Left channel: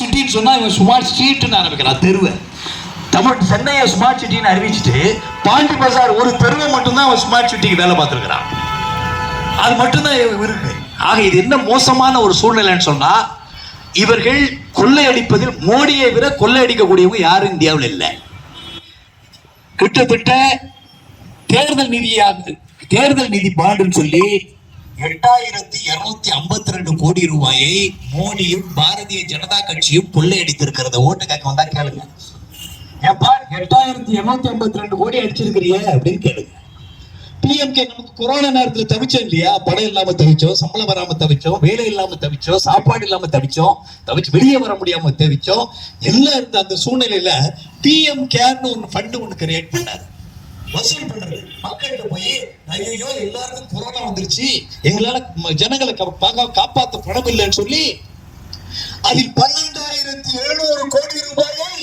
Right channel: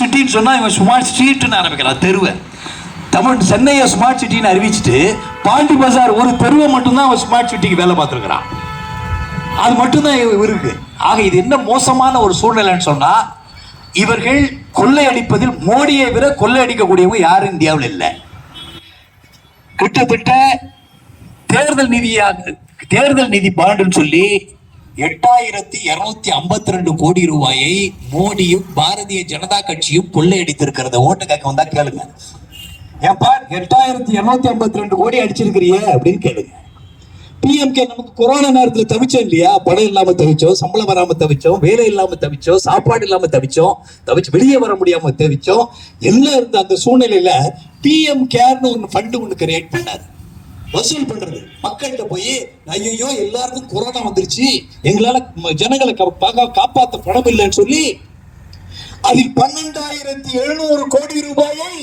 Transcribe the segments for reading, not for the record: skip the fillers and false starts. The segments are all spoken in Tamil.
சிட்டின்னு சொன்னா இவன் ஸ்மார்ட் ஸ்ட்ரீட்னு ஆரம்பிக்கிறான் தெருவை. தமிழ் சென்னையை ஸ்மார்ட் சிட்டின்னு அறிவிச்சுட்டு பாண்டி பஜார் ஒரு தெருவை மட்டும்தான் அவன் ஸ்மார்ட் சிட்டிக்கு வேலை பார்த்துருக்கிறான். அது மட்டும்தான் இருக்கு. ஆக இது என்ன மோசமான ஒரு சூழ்நிலைன்னு சொன்னா, இவர்கள் கொள்ளையடிப்பதில் மோடியை விட கொள்ளையடிக்கக்கூடியவங்க யாரும் இந்தியாவில் இல்லை. கிட்டத்தட்ட தேர்தல் நிதி பாண்டுன்னு சொல்லி 8252 கோடி ரூபாயை மோடியும் பாரதிய ஜனதா கட்சியும் கொள்ளையடித்திருக்கிறத ஓட்டு கேட்க வந்தா கேளுங்க. ஏப்பா 8252 கோடி அடிச்சிருக்கிறியே அப்படின்னு கேளுங்க. பிஎம்கே நமக்கு கொரோனா நேரத்தில் தவிச்சோம் இல்லையா? படம் இல்லாம தவிச்சோம், சம்பளம் வராம தவிச்சோம், வேலை இல்லாம தவிச்சோம், சாப்பாடு இல்லாம தவிச்சு வெளியே வர முடியாம தவிச்சோம். எல்லாம் இருந்த அந்த சூழ்நிலையில பிஎம் கேர்னு ஒரு ஃபண்ட் ஒன்று கிரியேட் பண்ணாரு. வசூல் பண்றது மக்கள்கிட்ட போய், ஐயோ எல்லாருக்கும் கொரோனா வந்துருச்சு, எங்களால ஜனங்களை காப்பாற்ற பணம் இல்லைன்னு சொல்லி அதில் 12700 கோடி ரூபாயை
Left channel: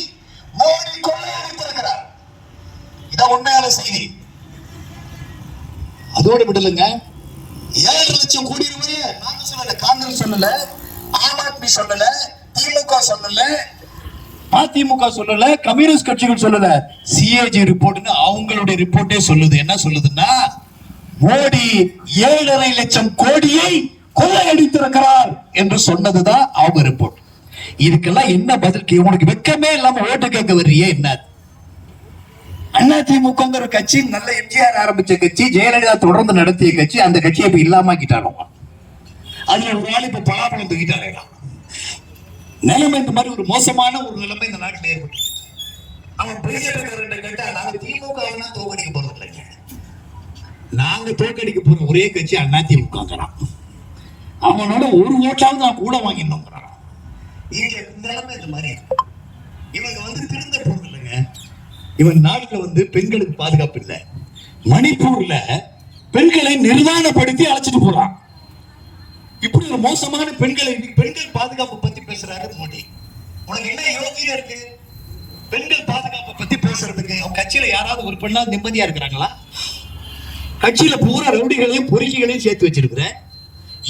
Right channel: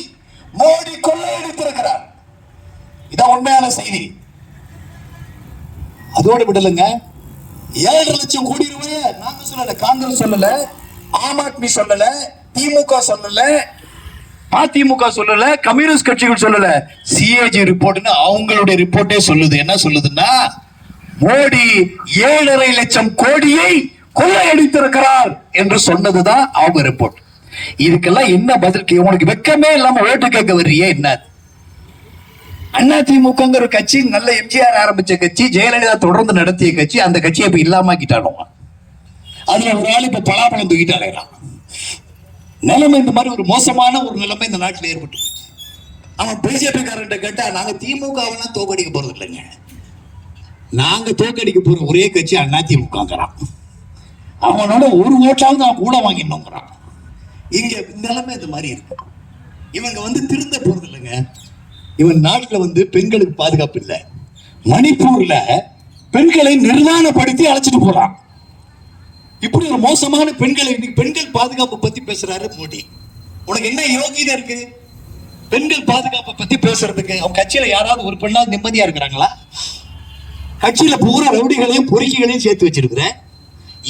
மோடி கொள்ளையடித்திருக்கிறார். இதான் உண்மையான செய்தி. அதோடு விடலுங்க, 7 லட்சம் கோடி ரூபாய் நாங்க சொல்லல, காங்கிரஸ் சொல்லல, ஆம் ஆத்மி சொல்லல, திமுக சொல்லல, அதிமுக சொல்லல, கம்யூனிஸ்ட் கட்சிகள் சொல்லல, சிஏஜி ரிப்போர்ட்னு அவங்களுடைய ரிப்போர்ட்டே சொல்லுது. என்ன சொல்லுதுன்னா, மோடி 7.5 லட்சம் கோடியை கொள்ளையடித்திருக்கிறார் என்று சொன்னதுதான் அவங்க ரிப்போர்ட். இதுக்கெல்லாம் என்ன பதில்? உனக்கு வெக்கமே இல்லாம ஓட்டு கேட்க வர்றியே என்ன? அதிமுகங்கிற கட்சி நல்ல எம்ஜிஆர் ஆரம்பிச்ச கட்சி, ஜெயலலிதா தொடர்ந்து நடத்திய கட்சி. அந்த கட்சியை இப்ப இல்லாமக்கிட்டாலும் அதுல ஒரு ஆள் இப்ப பலாபலம் தூக்கிட்டாங்க. நிலைமை இந்த மாதிரி ஒரு மோசமான ஒரு நிலைமை இந்த நாட்டில் ஏற்பட்டு. ஆனா பிஜேபி காரன் கேட்டா, நாங்க திமுகவெல்லாம் தோக்கடிக்க போறது இல்லைங்க, நாங்க தோக்கடிக்க போற ஒரே கட்சி அதிமுகங்கிறான். அவனோட ஒரு ஓட்டாவது நான் கூட வாங்கினோங்கிறான். இங்க நிலைமை இந்த மாதிரி இருக்கு. இவங்க திருந்த போறது இல்லைங்க. இவன் நாட்டுல பெண்களுக்கு பாதுகாப்பு இல்லை. மணிப்பூர்ல பெண்களை நிர்வாணப்படுத்தி அழைச்சிட்டு போறான். இப்படி ஒரு மோசமான பெண்கள் பாதுகாப்பு பத்தி பேசுறாரு மோடி. உனக்கு என்ன யோகிதை இருக்கு பெண்கள் பாதுகாப்பை பத்தி பேசுறதுக்கு? அவங்க கட்சியில யாராவது ஒரு பெண்ணாவது நிம்மதியா இருக்கிறாங்களா? கட்சியில பூரா ரவுடிகளையும் பொறுக்கிகளையும் சேர்த்து வச்சிருக்கிற.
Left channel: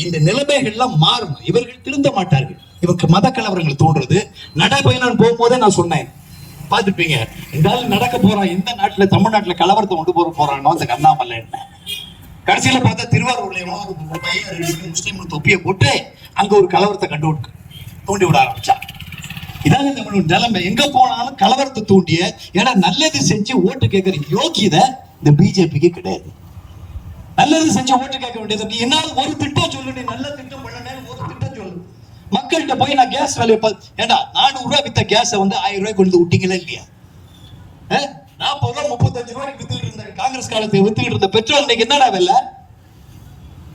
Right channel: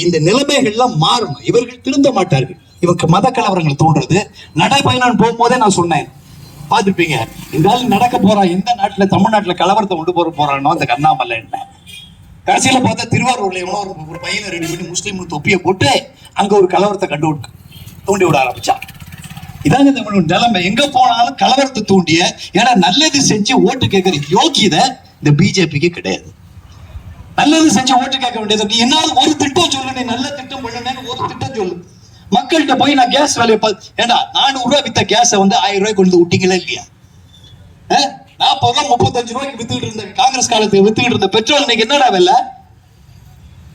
இந்த நிலைமைகள்லாம் மாறும். இவர்கள் திருந்த மாட்டார்கள். இவங்க மத கலவரங்கள் தோன்றது. நடைபயணம் போகும்போதே நான் சொன்னேன், பார்த்துப்பீங்க, இந்த ஆள் நடக்க போறான் இந்த நாட்டுல, தமிழ்நாட்டுல கலவரத்தை கொண்டு போறானோ அந்த அண்ணாமலை. என்ன கடைசியில பார்த்தா திருவாரூர்ல ஒரு பையன் 2 முஸ்லீம் தொப்பியை போட்டு அங்க ஒரு கலவரத்தை தூண்டி விட ஆரம்பிச்சா. இதாங்க நம்மளோட நிலைமை. எங்க போனாலும் கலவரத்தை தூண்டிய, ஏன்னா நல்லது செஞ்சு ஓட்டு கேட்கிற யோகிதை இந்த பிஜேபிக்கு கிடையாது. நல்லது செஞ்சு ஓட்டு கேட்க வேண்டியது. நீ என்னாலும் ஒரு திட்டம் சொல்லு, நீ நல்ல திட்டம் பண்ணு, ஒரு திட்டம் சொல்லு. மக்கள்கிட்ட போய் நான் கேஸ் வேலையை ஏன்னா 400 ரூபாய் வித்த கேஸை 1000 ரூபாய் கொண்டு விட்டீங்களா இல்லையா? 40 ரூபாய் 35 ரூபாய்க்கு வித்துக்கிட்டு இருந்த காங்கிரஸ் காலத்துக்கு வித்துக்கிட்டு இருந்த பெட்ரோல் இன்னைக்கு என்னடா விலை?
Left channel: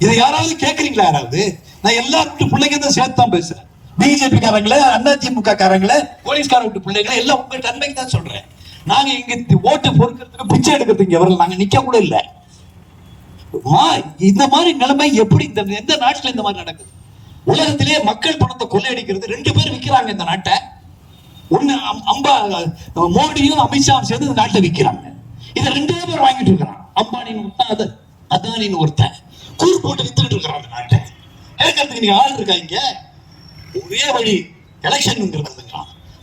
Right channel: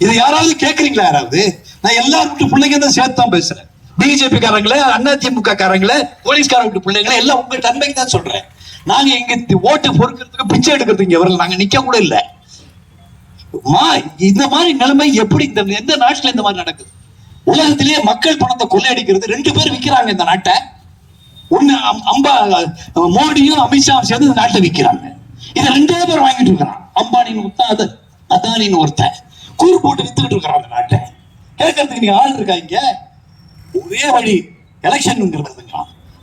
இதை யாராவது கேட்கறீங்களா? யாராவது? நான் எல்லாரும் பிள்ளைங்க தான் சேர்த்து தான் பேசுறேன். பிஜேபி காரங்களே, அதிமுக காரங்களே, போலீஸ்கார விட்டு பிள்ளைங்களே எல்லாம் உங்க தன்மைக்கு தான் சொல்றேன். நாங்க இங்க ஓட்டு பொறுக்கிறதுக்கு பிச்சை எடுக்கிறதுக்கு இங்க வரல, நாங்க நிக்க கூட இல்லை. இந்த மாதிரி நிலைமை எப்படி எந்த நாட்டுல இந்த மாதிரி நடக்குது? உலகத்திலேயே மக்கள் பணத்தை கொள்ளையடிக்கிறது 2 பேர் விற்கிறாங்க இந்த நாட்டை. ஒண்ணு மோடியும் அமித்ஷாவும் சேர்ந்து இந்த நாட்டை விற்கிறாங்க. இதை 2 பேர் வாங்கிட்டு இருக்கிறான். அம்பானின்னு ஒருத்தன், அதானின்னு ஒருத்தன் கூறு போட்டு வித்துக்கிட்டு இருக்கிறான் அந்த நாட்டை. கேட்கறதுக்கு நீங்க ஆள் இருக்காங்க. ஒரே வழி எலெக்ஷன்.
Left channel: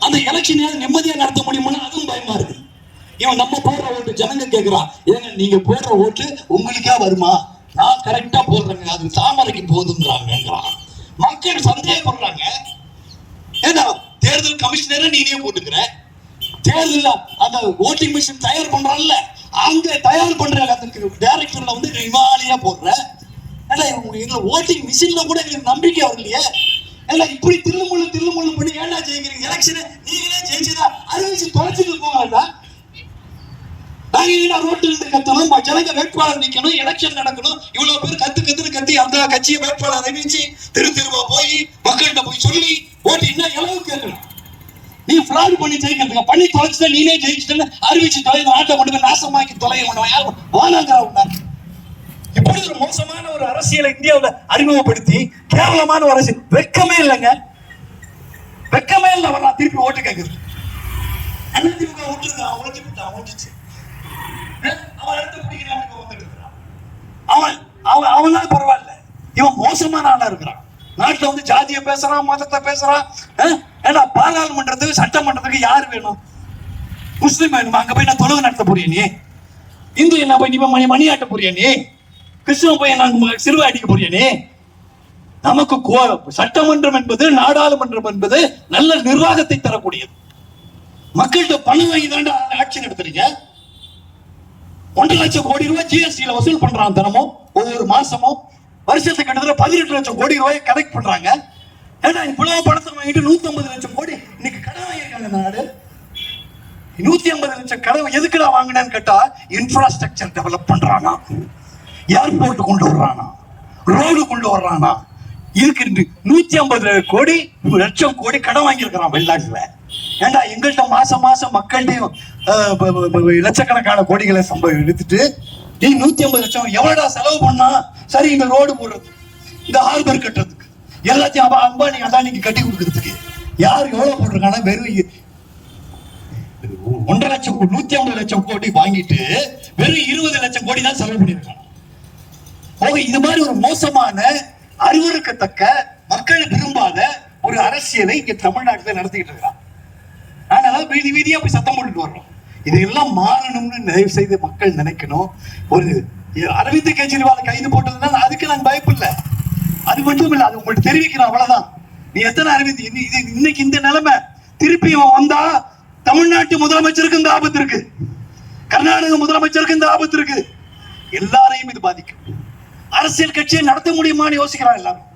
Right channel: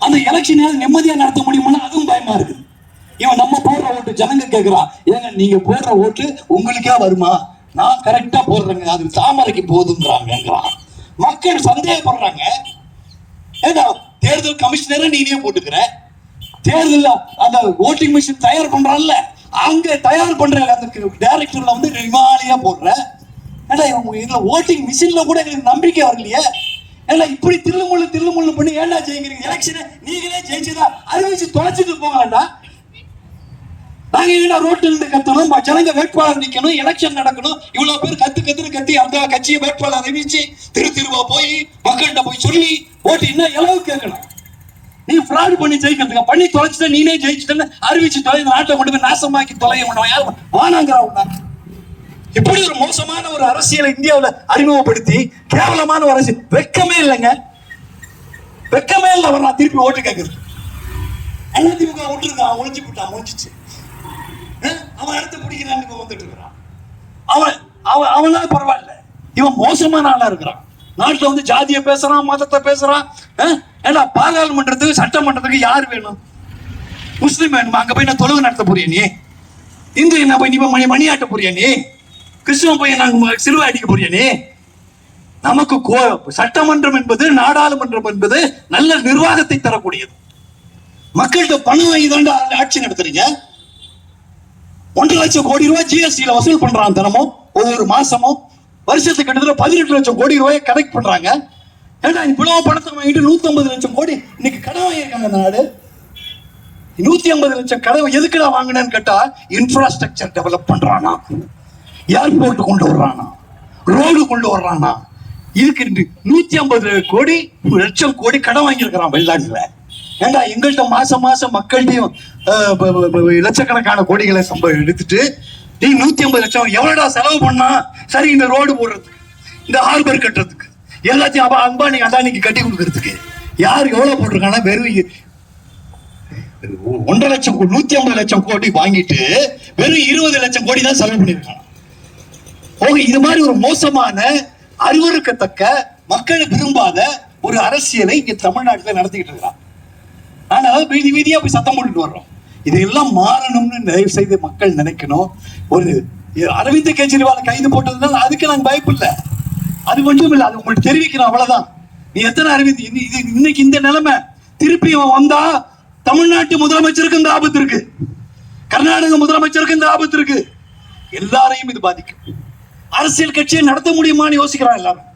அந்த எலெக்ஷன் நிம்மதியா நடத்த முடியும்னா அதுவும் பயமா இருக்கு. இவன் நம்ம போடுற ஓட்டு ஜனங்க கேட்கிறான், ஏங்க நீங்க போடுற ஓட்டு உங்களுக்கா வருமா? நான் கரெக்டா போடுறேங்க, அது தாமரைக்கு போதுங்கிறாங்க. மக்கள் சந்தேகப்படுறாங்க. ஏன்னா தேர்தல் கமிஷனரை நீனே போட்டுக்கிற, தேர்தல் அந்த ஓட்டிங் மிஷின் தயார் பண்றான்ல, அங்க தயார் பண்ற டைரக்டர்ல இமாலயா போடுற. ஏன்னா இதுல ஓட்டிங் மிஷின்ல கூட எங்களுக்கு நம்பிக்கை வரலையே. ஏன்னா இப்படி தில்லுமுள்ளு பண்ணி ஏன்னா ஜெயிக்கிறீங்க? எலெக்ஷனை நீங்களே ஜெயிச்சுதான் அறிவிச்சு தொலைச்சிட்டு போவாங்கடா. நாங்க ரோட்டில் இருந்து கத்தணும், ஜனங்க வேட்பாளர் நிக்கணும், எலெக்ஷன் நடக்கணும். இவ்வளவு பேர் கத்தி அந்த கட்சியை வேட்பாளர் அறிவிச்சு திருவா போய் மக்கள்கிட்ட போய் சொல்லி ஓட்டு இன்னும் எவ்வளவு கேட்கணும். நீ ஃப்ராட் பண்ணி ஜெயிக்கிறதுக்கு பண்ணி தொலைச்சுட்ட, நீனே ஜெயிச்சுட்டு அறிவிச்சு தொலை, நாட்டை கொண்டு நாசமாக்கி தொலைய வானாங்கிறா. இப்படி ஒரு மோசமான ஒரு அரசியலை இந்தியாவில் அறிமுகப்படுத்தி கேவலமான ஒரு அரசியல். வெக்கமே இல்லைங்க, வெக்கமே இல்லை. நான் திருப்பி ஓட்டு கேட்கறது அதிமுக விட்டுருக்கான், ஒழிஞ்சிச்சு. அவன் அடுத்து பிடிக்கிறான்னு வந்துட்டு இருக்கிறான். அவனால பரவாயில்ல, இவன் மோசமான ஆளா இருக்கிறான். நாட்டுல ஜாதியை பேசுறான், மதத்தை பேசுறான். ஏன்னா பாராளுமன்றத்துக்கு சட்டமன்றத்துக்கு யார் வேணும்? முஸ்லீம் வேணுமா? அங்க போய் நான் தொழுகை நடத்த போறியா நீ? இந்து என்ன போய் நீ மணி ஆட்ட போறியா நீ? கிறிஸ்துவ போய் நாங்க சிலுவை அடிக்க போறியா நீ? நமக்கு சட்டமன்றம் என்பது, நாடாளுமன்றம் என்பது நல்ல நிர்வாகத்தை தரக்கூடியது. மக்கள்கிட்ட பணம் வாங்கி தாண்டா ஆட்சி நடத்துறீங்க. 1.5 லட்சம் கோடி ரூபாய் ஜிஎஸ்டில வசூல் பண்றாங்க தினமும், ஒவ்வொரு மாசமும். வருஷத்துக்கு கிட்டத்தட்ட 18 லட்சம் கோடி ரூபாயை கலெக்ட் பண்றாங்க. ஏன்னா இவ்வளவு பணத்தை வாங்கிட்டு 150 லட்சம் கோடி இன்னைக்கு கடன் வாங்கியிருக்காங்க நாடு. 150 லட்சம் கடன் எதுக்குடா வாங்கினேன்னு கேட்டா, இன்ஃப்ராஸ்ட்ரக்சர் டெவலப் பண்றானா, ஏர்போர்ட் கொண்டு வர்றானா, ரோடு கொண்டு வர்றானா. இதுக்கு 150 கோடி லட்சம் கோடி கடன் வாங்கியிருக்கிறான் வெளிநாட்டுல. ஏண்டா எங்கள்கிட்ட மாசம் மாசம் மக்கள்கிட்டையும் லட்சக்கணக்கான கோடிகளை எடுத்துட்டு நீ 150 லட்சம் எவ்வளவுடா செலவு பண்ணா? சரி, இந்த ரோடு போடுறதுக்கு, இந்த ஹார்பர் கட்டுறதுக்கு, எல்லாத்தையும் அம்பானி அதானிக்கு கட்டி கொடுக்கறதுக்கு யாரு எவ்வளவு போட்டிருக்கானா? வெறும் 1.5 லட்சம் 150 லட்சம் கோடி வாங்கிட்டு வெறும் 20 லட்சம் கோடி தான் செலவு பண்ணிருக்காங்க. இது மாதிரி ஒரு மோசமான, அருவருக்கத்தக்க, மக்கள் விரும்பாத ஒரு அரசியலை இங்க தமிழ்நாட்டில் நடத்திக்கிட்டு இருக்கான். ஆனா வீதி வீதியா போய் சத்தம் போட்டுட்டு வர்றோம். இதையெல்லாம் மாறணும்னு தயவு செய்து மக்கள் நினைக்கணும். ஒரு அரவிந்த் கெஜ்ரிவால் கைது போட்டதுனால அதுக்கு நான் பயப்பில்லை, அது மட்டும் இல்லை, அது உங்களுக்கு தெரிவிக்கணும், அவ்வளவுதான். நீ எத்தனை அரவிந்த் இன்னைக்கு இந்த நிலைமை திருப்பி வந்தா தமிழ்நாட்டு முதலமைச்சருக்கு இந்த ஆபத்து இருக்கு, கர்நாடக முதலமைச்சருக்கு இந்த ஆபத்து இருக்கு. எல்லாரையும் இது பாதிக்கும். அரசியல் கட்சியை நடத்த முடியுமான்னு யோசிக்கிறான் எல்லாரும்.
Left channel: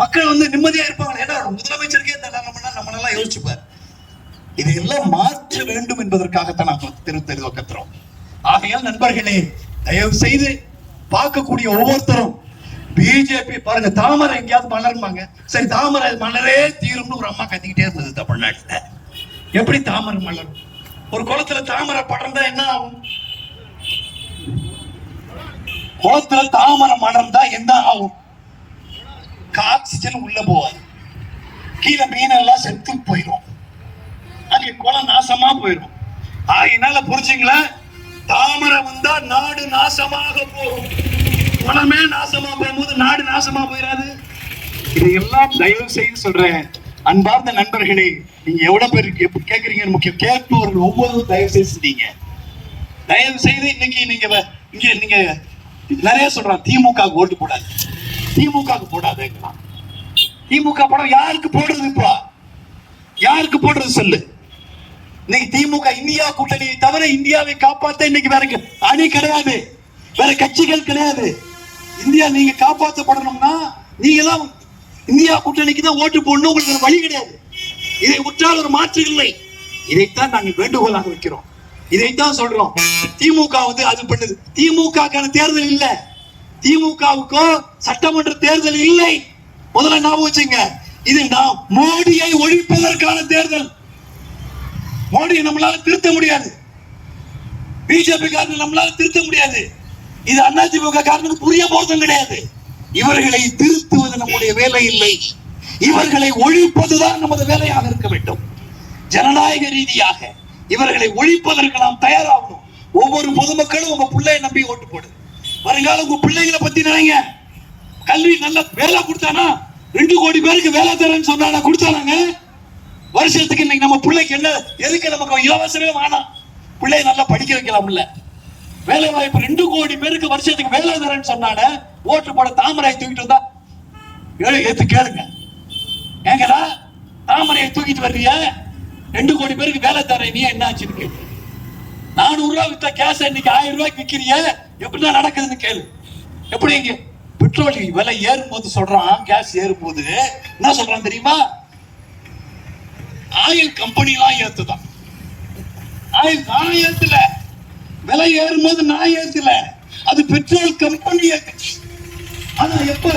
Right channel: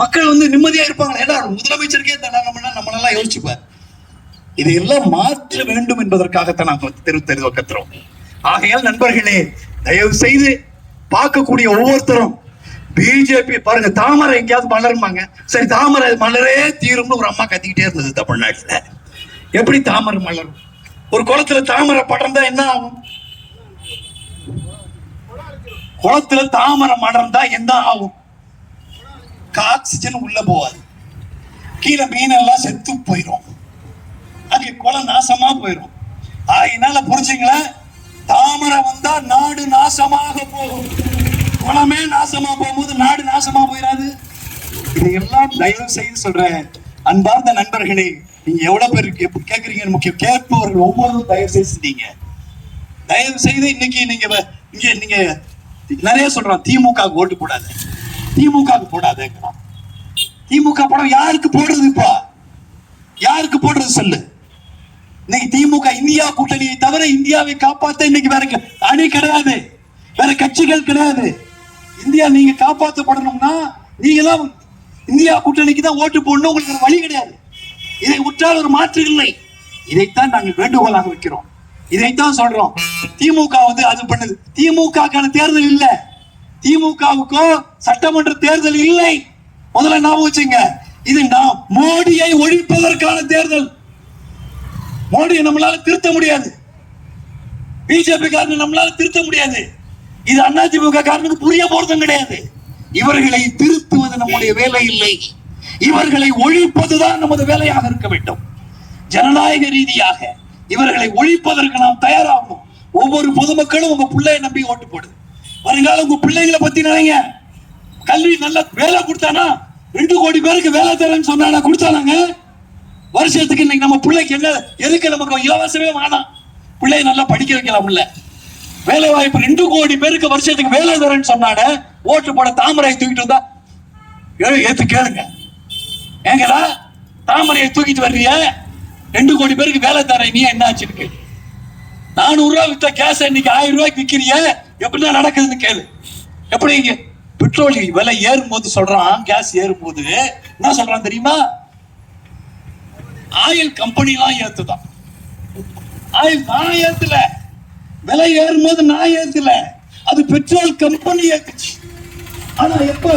மக்கள் நிம்மதியா இருப்பாங்க. ஏன்னா முதலமைச்சருக்கே நம்மளெல்லாம் யோசிச்சுப்பார். இதையெல்லாம் மாற்ற வேண்டும் என்பதற்காகத்தான் நாம் கத்துறோம். ஆகையால் நண்பர்களே, தயவு செய்து பார்க்கக்கூடிய ஒவ்வொருத்தரும் பிஜேபி பாருங்க, தாமரை எங்கேயாவது மலருமாங்க. சரி, தாமரை மலரே தீரும்னு ஒரு அம்மா கத்திக்கிட்டே இருந்தது தமிழ்நாட்டுல. எப்படி தாமரை மலரும்? ஒரு குளத்துல தாமரை படர்ந்தா என்ன ஆகும்? குளத்துல தாமரை மலர்ந்தா என்ன ஆகும்? ஆக்சிஜன் உள்ள போவாது, கீழே மீனெல்லாம் செத்து போயிடும், அங்கே குளம் நாசமா போயிடும். அதனால புரிஞ்சுங்களா, தாமரை வந்தா நாடு நாசமாக போகும். குளமே நாசமா போகும்போது நாடு நாசமா போயிடாது. இதையெல்லாம் தயவு செய்து சொல்றேன். அன்பார்ந்த நண்பர்களே, நீங்க எவ்வளவு பேர் கேட்கறீங்கன்னு முக்கியம். கேட்பவர்கள் ஒவ்வொருவரும் தயவு செய்து செஞ்சீங்க. தயவு செய்து இன்னைக்கு நீங்க நிறைய சொல்றோம், திமுக ஓட்டு போடாது, திமுக போடாது. திமுக படம் யாருக்கு போடுறது? இப்போ யாருக்கு போடுறது சொல்லு. இன்னைக்கு திமுக இந்தியா கூட்டணியை தவிர இந்தியாவை காப்பாற்ற இன்னைக்கு வேற அணி கிடையாது, வேற கட்சிகள் கிடையாது. இந்தியா நீங்க காப்பாற்றப்படணும்னா நீங்க தான் இந்தியா கூட்டணிக்கு தான் ஓட்டு போடணும். உங்களுக்கு வழி கிடையாது. இதை உற்றால் ஒரு மாற்று இல்லை. இதைத்தான் நாங்கள் வேண்டுகோளாக வைக்கிறோம். இதைத்தான் சொல்றோம். திமுக அது பண்ணுது. திமுக தேர்தல் இல்ல, திமுகவுக்கோ சட்டமன்ற தேர்தல் இல்லை. முதல்ல ஞாபகம் வச்சுங்க, இது மோடியை ஒழிப்பதற்கான தேர்தல். மோடியை நம்மளால திருத்த முடியாது, பிஜேபி காரர்கள் நம்மளால திருத்த முடியாது. இது அதிமுக காரனுக்கு புரிய போறதும் கிடையாது. இவர்களை திருத்துவது நம்முடைய வேலை இல்லை, இவர்களை ஒழிப்பதுதான் நமது வேலையாக இருக்க வேண்டும். ஜனநாயக ரீதியாக இவர்களை ஒழிப்பதற்கு நாம் தயாராகணும். ஒவ்வொரு பொதுமக்களும் உங்க பிள்ளையை நம்பி ஓட்டு போடு. வருங்காலம் உங்க பிள்ளைகளை பத்தி நினைங்க. கல்வி நல்ல வேலை கொடுத்தானா, 2 கோடி பேருக்கு வேலை தரேன்னு சொன்னா கொடுத்தானாங்க? வருஷத்துக்கு இன்னைக்கு நம்ம பிள்ளைக்கு என்ன எதுக்கு நமக்கு இலவசமே வேணாம், பிள்ளைய நல்லா படிக்க வைக்கலாம்ல. வேலை வாய்ப்பு 2 கோடி பேருக்கு வருஷத்துக்கு வேலை தரேன்னு சொன்னான, ஓட்டு போட தாமரையை தூக்கிட்டு வந்தா ஏத்து கேளுங்க. ஏங்கடா தாமரையை தூக்கிட்டு வர்றிய, 2 கோடி பேருக்கு வேலை தரேன், நீ என்ன ஆச்சுன்னு 400 ரூபாய் வித்த கேஸ் இன்னைக்கு 1000 ரூபாய்க்கு விற்கிறிய, எப்படிதான் நடக்குதுன்னு கேளு. எப்படி இங்க பெட்ரோல் விலை ஏறும்போது சொல்றான், கேஸ் ஏறும்போது என்ன சொல்றான் தெரியுமா? ஆயில் கம்பெனி எல்லாம் ஏத்துதான். ஆயில் நான் ஏத்துல, விலை ஏறும்போது நான் ஏத்துல, அது பெட்ரோல் கம்பெனி ஏத்துச்சு. ஆனா எப்ப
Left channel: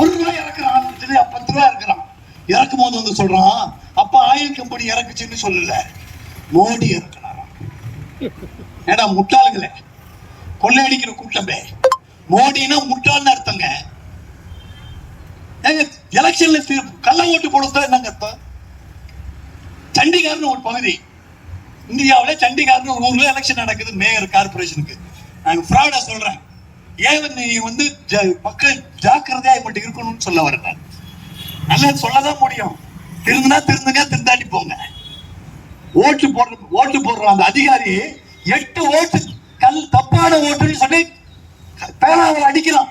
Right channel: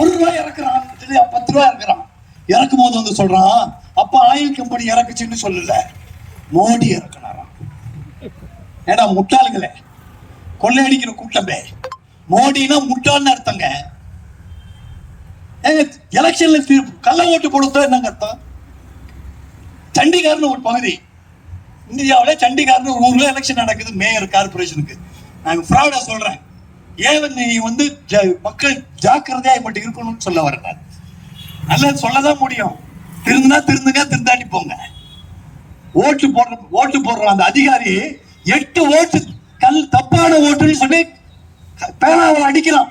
1 ரூபாய் இறக்குறான், 10 ரூபாய் இறக்குறான். இறக்கும் போது சொல்றான், அப்ப ஆயில் கம்பெனி இறக்குச்சுன்னு சொல்லல, மோடி இறக்குறாராம். ஏடா முட்டாளுங்களே, கொள்ளையடிக்கிற கூட்டமே. மோடினா முட்டாள்னு அர்த்தங்க. எலெக்ஷன்ல கள்ள ஓட்டு போடுறது என்னங்க அர்த்தம்? சண்டிகர்னு ஒரு பகுதி, இந்தியாவில் சண்டிகர்னு ஒரு ஊர்ல எலெக்ஷன் நடக்குது, மேயர் கார்பரேஷனுக்கு. நான் ஃப்ராடா சொல்றேன். ஏன் நீ மக்கள் ஜாக்கிரதையா மட்டும் இருக்கணும்னு சொல்ல வரேன். நல்லா சொல்லதான் முடியும். திருந்துங்க, திருந்தாட்டி போங்க. ஓட்டு போடுற அந்த அதிகாரி 8 ஓட்டு தப்பான ஓட்டுன்னு சொல்லி பேனாவை அடிக்கிறான்.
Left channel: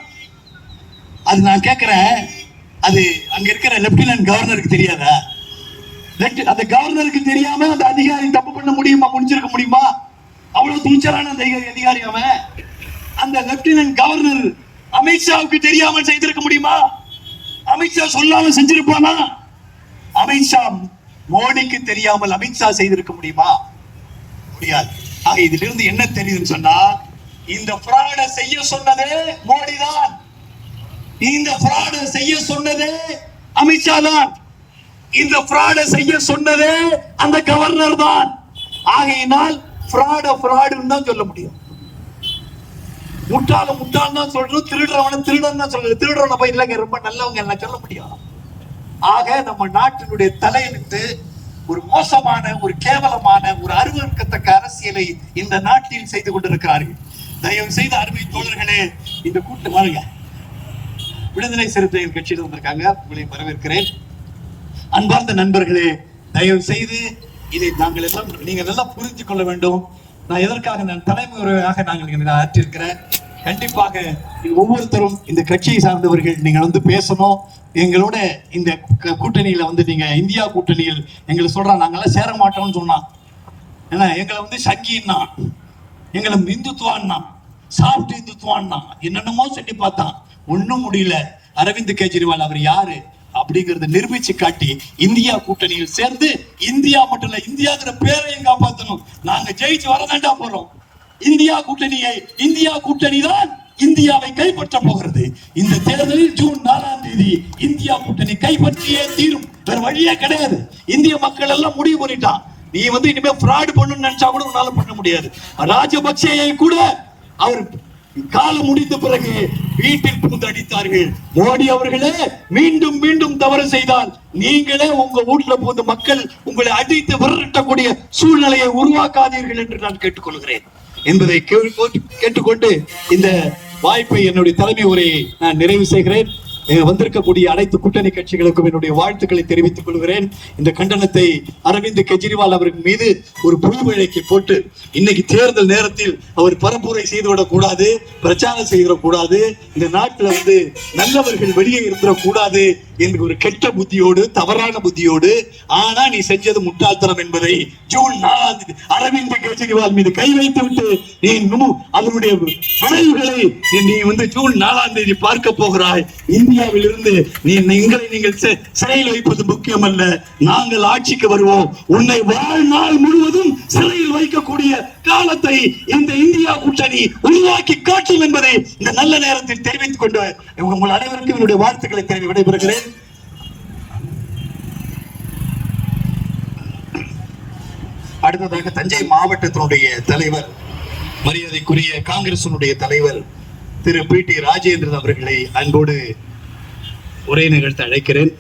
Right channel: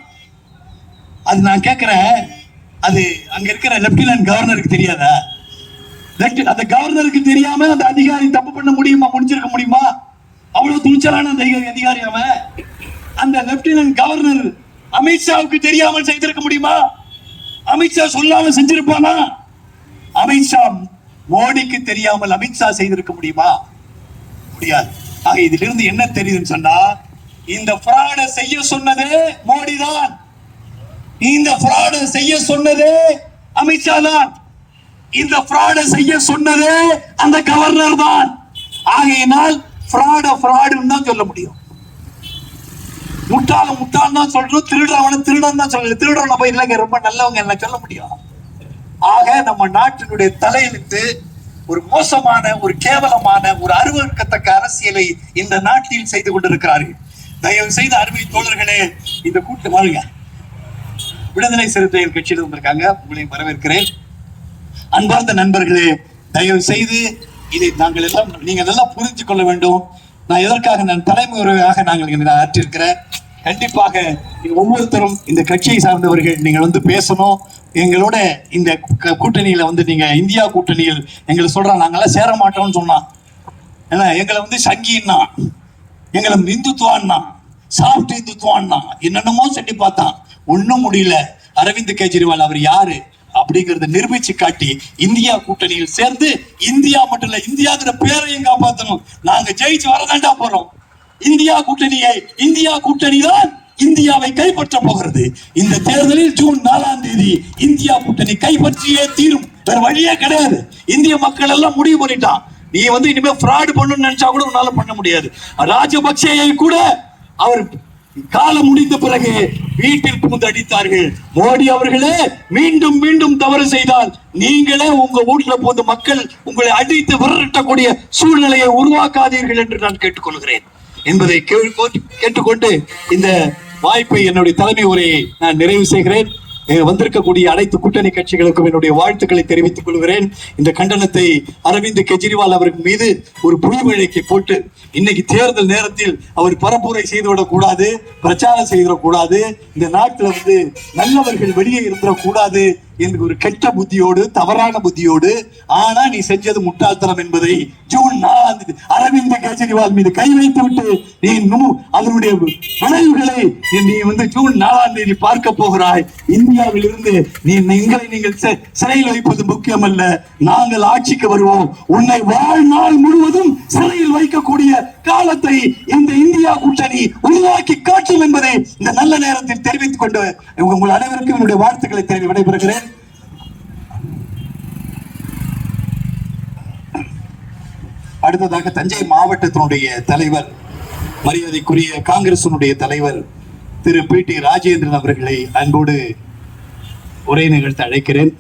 அது நான் கேட்கிறேன், அது அங்க இருக்கிற லெப்டினன்ட் கவர்னருக்கு தெரியாதா? அந்த கவர்னருக்கு தெரியாம அந்த அதிகாரி தப்பு பண்ண முடியுமா? முடிஞ்சிருக்க முடியுமா? அவ்வளவு துணிச்சலான அந்த அதிகாரி அவன். அந்த லெப்டினன்ட் கவர்னர் அமித்ஷாவுக்கு தெரியாமல் செய்திருக்க முடியுமா? அமித்ஷா சொல்லாம செஞ்சிருப்பானா? அமித்ஷா மோடிக்கு தெரியாமல் அமித்ஷா செய்திருக்க முடியுமா? முடியாது. ஆக இதிலிருந்து என்ன தெரியுதுன்னு சொன்னா, இந்த ஃப்ராட செய்ய சொன்னது மோடி தான், இந்த ஃப்ராட செய்ய சொன்னது அமித்ஷா தான், இந்த ஃப்ராட செய்ய சொன்னது அந்த கவர்னர் தான். ஆகையினால் ஃப்ராடுன்னு தான் சொல்ல முடியும். முட்டாள் தான் சொல்றோம், திருடன் தான் சொல்றது. திருடனை போய் இல்லைங்க ரொம்ப நல்லவங்க என்ன சொல்ல முடியும்? ஆக நம்ம நாட்டினுடைய தலையெழுத்து ஒரு மோசமான, ஒரு கேவலமான, ஒரு அருவருக்கத்தக்க அரசியலை இந்த நாட்டில் செய்து கொண்டிருக்கிறார்கள். தயவு செய்து அருமை தோழர்களே, இந்த கூட்டம் வாழுங்க. விடுதலை சிறுத்தைகள் கட்சியில் வந்திருக்காங்க, உங்களை வரவேற்கிறேன். அன்பார்ந்த நண்பர்களே, தயவு செய்து இதை நாங்கள் எல்லாம் நீங்கள் எல்லாம் புரிந்து கொள்ள வேண்டும். நான் எதற்காக நான் தலைமுறையாக நாங்கள் ஆற்றிருக்கிறேன். கண்டிப்பாக ஒவ்வொருத்தரும் இந்த கட்சியை சார்ந்தவர்கள் நீங்கள் வந்து பேசணும். எங்களோட இந்த கூட்டணியில வந்து நீங்க இந்தியா கூட்டணியில் எங்களை சொல்றாங்க, நாங்கெல்லாம் சேர மாட்டோம்னு சொன்னான். ஏன்னா எங்களை வந்து சங்கின்னா, எங்களை இந்துத்துவான்னா, சாஃப்ட் இந்துத்துவான்னா, என்னென்னமோ சொல்லி பார்த்தான். ஒன்னும் முடியல. அரவிந்த் கெஜ்ரிவால் அவர் யாரு அப்படிங்கறத நிரூபிச்சு காட்டி இந்தியா கூட்டணியில் சேர்ந்து இந்தியா மட்டும் இல்ல, இந்தியாங்கிற பேரையும் காப்பாற்றணும். நாங்க ஜெயிச்சு வரதாண்டா போறோம். இந்தியா கூட்டணி தான் இந்தியாவை கைப்பற்ற போகிறது. இந்த தேர்தலில் ஜூன் 4ஆம் தேதி இந்தியா கூட்டணி கைப்பற்றியே தீரும். வேற வழியே கிடையாது. இந்திய மக்கள் எல்லாம் முடிவு பண்ணிட்டான். நீ வந்து இனிமே ஃப்ராட் பண்ணணும்னு நினைச்சா கூட உன்னால பண்ண முடியாது. ராஜபக்சேயை கூட அவர் காலம் முடிந்த பிறகு வீட்டில் புகுந்து அடித்தார்கள். மோடி அவர்களே, மீண்டும் மீண்டும் தவறு செய்தால் நீங்களே உங்க வீட்டுல போது மக்கள் உங்களை அடித்து விரட்டக்கூடிய சூழ்நிலையை உருவாக்காதீர்கள் என்று நான் கேட்டுக்கொள்கிறேன் என்பதை கேட்டுக்கொண்டு இந்த வாய்ப்பை, என்னுடைய தலைமை உரையை நான் நிறைவு செய்கிறேன். வந்திருக்கக்கூடிய அனைத்து கூட்டணி கட்சிகளுக்கும் என்னுடைய வாழ்த்துக்களை தெரிவித்துக் கொள்கிறேன். இந்த கண்டனத்தை அரவிந்த் கெஜ்ரிவால் அவர்கள் மீது ஒரு புலிவழக்கை போட்டு இன்னைக்கு தேர்தல் நேரத்தில் அவர் பரப்புரை செய்துவிடக் கூடாது, பிரச்சாரம் செய்திடக்கூடாது, இந்த நாட்டில் வந்து நல்லவர்கள் வெளியே இருந்துடக்கூடாது என்று ஒரு கெட்ட புத்தியோடு, தவறான புத்தியோடு, ஆனா நீ செஞ்சது முட்டாள்தனம் என்பதை ஜூன் 4ஆம் தேதி அரவிந்த் கெஜ்ரிவால் மீது கை வைத்து விட்டு நீ அதனுடைய விளைவுகளை நீ வந்து ஜூன் 4ஆம் தேதி பார்க்க போகிறாய். இந்தியாவில் இருந்து நீங்கள் சிறையில் வைப்பது முக்கியம் அல்ல. நாங்கள் ஆட்சிக்கு வருவோம். உன்னை வாழ்நாள் முழுவதும் சிறையில் வைக்கக்கூடிய காலத்தை இந்த இந்தியா கூட்டணி உருவாக்கி காட்டும் என்பதை இந்த நல்ல நேரத்தில் தெரிவித்துக் கொண்டு உங்கள் அனைவருக்கும் என்னுடைய வாழ்த்துக்களை தெரிவி விடைபெறுகிறேன். அடுத்ததாக தஞ்சை மாவட்டத்தினுடைய தலைவர், மரியாதைக்குரிய காங்கிரசினுடைய தலைவர் திரு PT ராஜேந்திரன் அவர்களை அன்போடு உரை நிகழ்த்த அழைக்கிறேன்.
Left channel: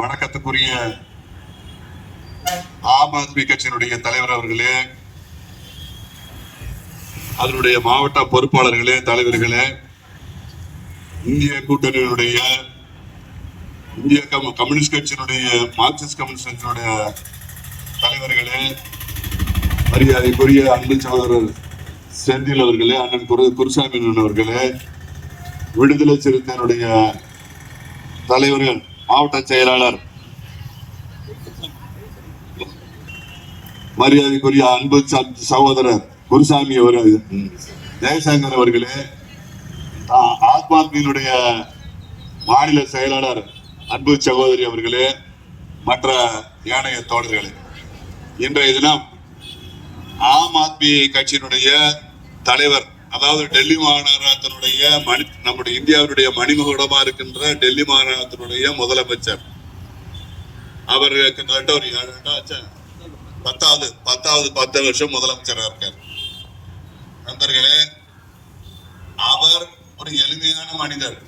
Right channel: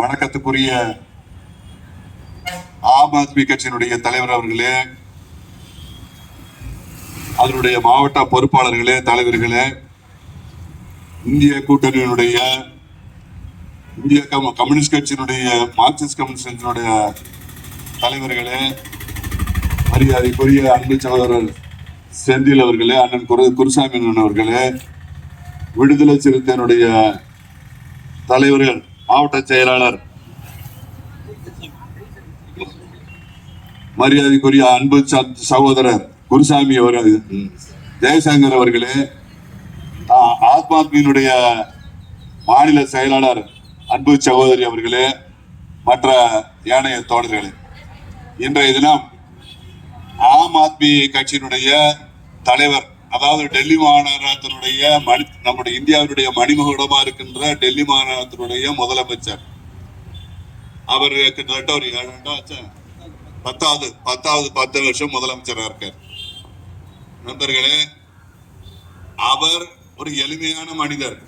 வணக்கத்துக்குரிய ஆம் ஆத்மி கட்சியினுடைய தலைவர் அவர்களே, அதனுடைய மாவட்ட பொறுப்பாளர்களே, தலைவர்களே, இந்திய கூட்டணியினுடைய இந்திய கம்யூனிஸ்ட் கட்சியினுடைய மார்க்சிஸ்ட் கம்யூனிஸ்ட் கட்சியினுடைய தலைவர்களே, மரியாதைக்குரிய அன்பு சகோதரர் செந்தில் அவர்களே, அண்ணன் குருசாமி அவர்களே, விடுதலை சிறுத்தையினுடைய தலைவர்கள், மாவட்ட செயலாளர் மரியாதைக்குரிய அன்பு சகோதரர் குருசாமி அவர்கள், ஜெயசங்கர் அவர்களே, ஆத்மாத்மியினுடைய மாநில செயலாளர் அன்பு சகோதரி அவர்களே, மற்ற ஏனைய தோழர்களே, இன்றைய தினம் ஆம் ஆத்மி கட்சியினுடைய தலைவர், அதாவது டெல்லி மாநகரத்தினுடைய நம்முடைய இந்தியாவுடைய மணிமகுடமா இருக்கின்ற டெல்லி மாநகரத்தினுடைய முதலமைச்சர், அவர் கிட்டத்தட்ட ஒரு 10 வருஷம் முதலமைச்சராக இருக்கார். நண்பர்களே, அவர் ஒரு எளிமையான மனிதர்.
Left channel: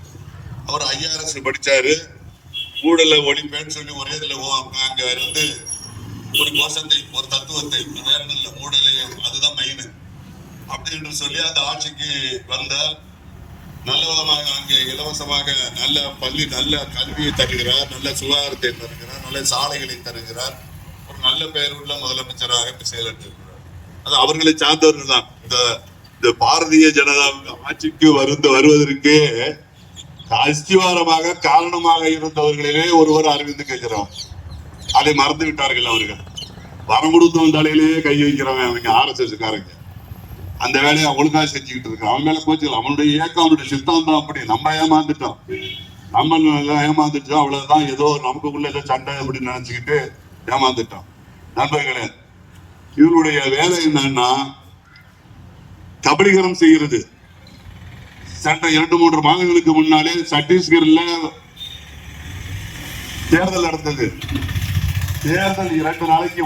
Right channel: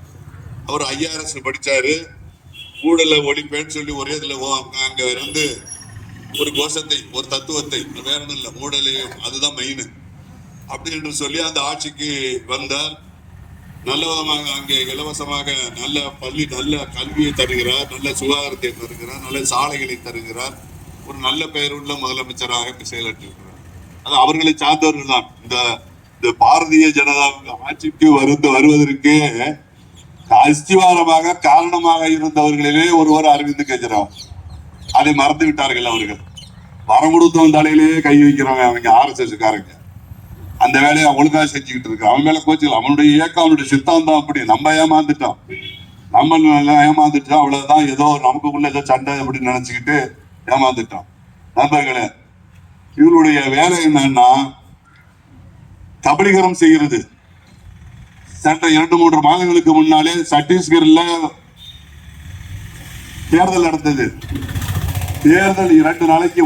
அவர் IRS படிச்சாரு, ஊழல ஒழிப்பேன்னு சொல்லி ஒரே இதுல அங்க இருந்து ஒரு கோஷத்தை, ஒரு தத்துவத்தை, வேற இல்ல, ஊழலே அதுதான் மெயின் அப்படி என்று சொல்லி அந்த ஆட்சிக்கு வந்தார். நல்ல விதமாக அங்கே இலவசமாக நல்ல நல்ல கல்வியை தருகிறார், நல்ல சுகாதாரத்தை தருகிறார், நல்ல சாலைகளை தருகிறார். ஒரு நல்ல பெயருள்ள முதலமைச்சராக செயலாற்றுகிறார். அது அவர்களை சார்ந்தவர்கள் தான். இந்த பாரதிய ஜனதா ஆட்சிக்கு வருவதற்கு அஸ்திவாரமாக காரணமாக இருந்தவர்களிலே ஒருவர் அரவிந்த் கெஜ்ரிவால். அதை மறந்து விட்டார்கள் அவர்கள். வரம் கொடுத்தவன் தலையிலேயே கை வைக்கிறவன் அவங்க RSS காரங்க. அந்த வேலையை ஒழுங்கா செஞ்சுக்கிட்டு இருக்கான். அவன் மேல கோச்சு அவனுடைய இயக்கம் அவனுடைய சித்தாந்தம் அப்படி. நம்ம ஏமாந்துட்டோம், அவ்வளவுதான். ஏதோ நமக்குள்ள ஏதோ சண்டை அப்படின்னு நினைச்சுக்கிட்டு ஏமாந்துட்டோம். நண்பர்களே, இவருடைய வேலை என்னன்னா கபலீகரம் செய்கிறது. சட்ட 2-3 மாதங்களுக்கு முன்னாலே சத்தீஸ்கர்ல தேர்தல் நடந்தது. தேர்தல் 2 நாளைக்கு